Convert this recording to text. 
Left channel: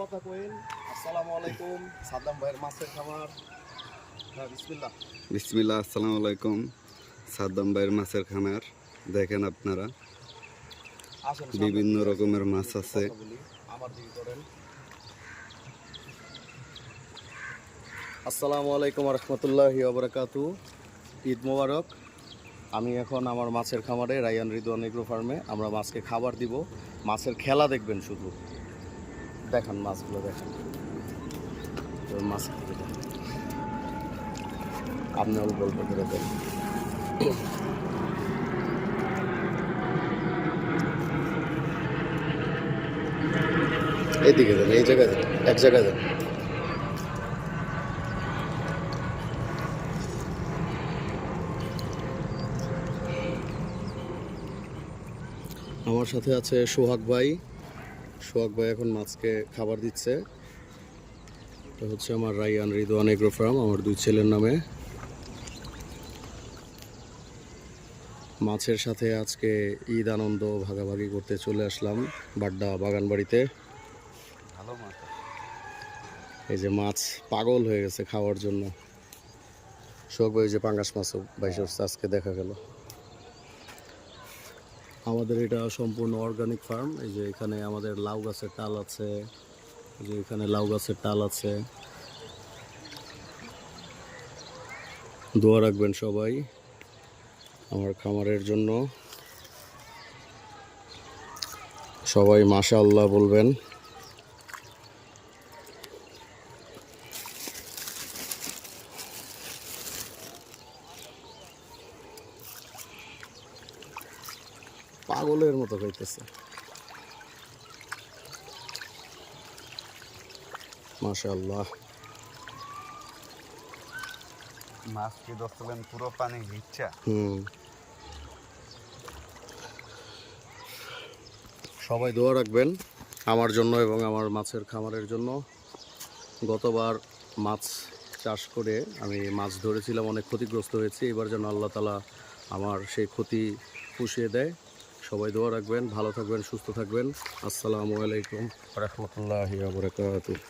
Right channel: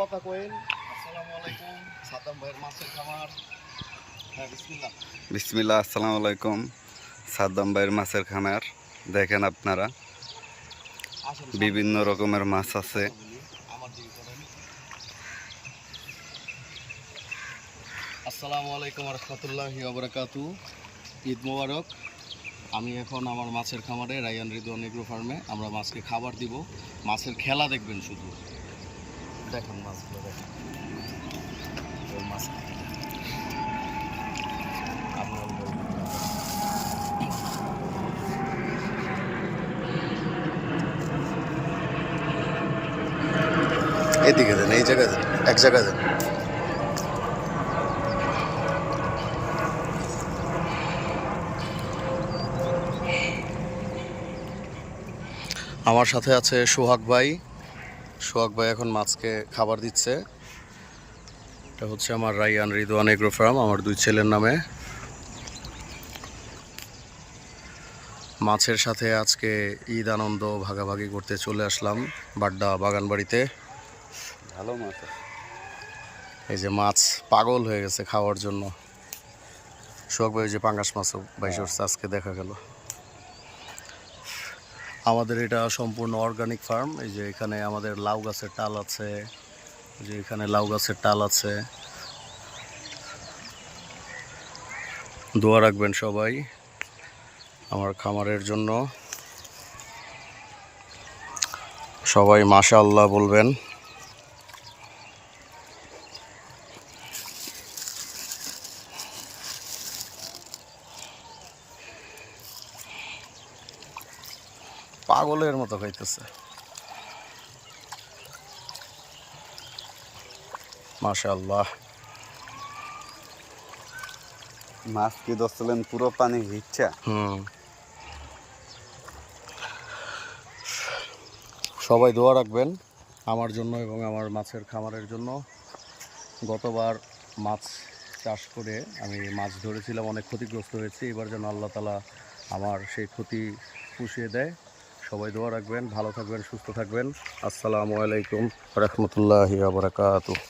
কথা কইন। আসসালামু আলাইকুম, সাদ্দাম ভাইয়ের মাছের খামার। হ্যাঁ, বিসমিল্লাহ। বিসমিল্লাহ, আসসালামু আলাইকুম। সাদ্দাম ভাইয়ের মাছের খামার দেখেন আপনারা, আসেন, বিভিন্ন রকমের মাছ আছে। আমার দিকে করেন। আসসালামু আলাইকুম রহমতুল্লাহি ওয়া বারাকাতুহু। ঈদ মোবারক। আমি এখন আমার মাছের খামারে রায়ান রিদওয়ান এগ্রো ফার্মে আমরা মাছকে খাবার দিব। মাছের খেলা দেখবেন শুধু। দেখেন মাছগুলো দেখেন। এই মাছগুলো আপনি অল্প অল্প করে দেন। এদিকে দেন, এই জায়গায় দেন, এক জায়গায় দেন। আমার সাথে আছে সোহাগ ভাই। সোহাগ ভাই এখন মাছকে খাবার দিচ্ছে। এটা হচ্ছে আমার রায়ান রিদওয়ান এগ্রো ফার্ম, আমার দুই ছেলের নামে। মাছের সাথে আজকে ঈদ আনন্দ ভাগাভাগি করতে চলে আসলাম বাড্ডা বাগানবাড়িতে। ভালো মাছ। এই যে মাছ পাগল হয়ে গেছে খাওয়ার জন্য। সোহাগ ভাই যে পাঙ্গাস মাছও বাইশ আজকে দেখা গেল। আমাদের এটা সম্পূর্ণ অর্গানিক ফার্ম। এই যে এখানে আমাদের লাউ গাছের টাল আছে, যে এখানে লাউ গাছের টাল আছে। দোয়া রাখবেন সবাই আমার খামারের জন্য। সবাই মাশাআল্লাহ বলবেন। পাগলের মতো খাইতেছে, মাশাআল্লাহ। মাছ কি ধরছিলেন পুরো পানি ভিজছে। সবাই দোয়া রাখবেন আমার জন্য এবং আমার মাছের খামারের জন্য। গতবার মাছ চাষ করে আমি মাছ ধরেছিলাম, অনেক ক্ষতিগ্রস্ত হয়েছি। এবার যেন আল্লাহ তাআলা আমার সেই ক্ষতি পুষিয়ে দেয়। সবাই দোয়া রাখবেন, ভালো থাকবেন, সুস্থ থাকবেন। আসসালামু আলাইকুম রহমতুল্লাহি ওয়া বারাকাতুহু।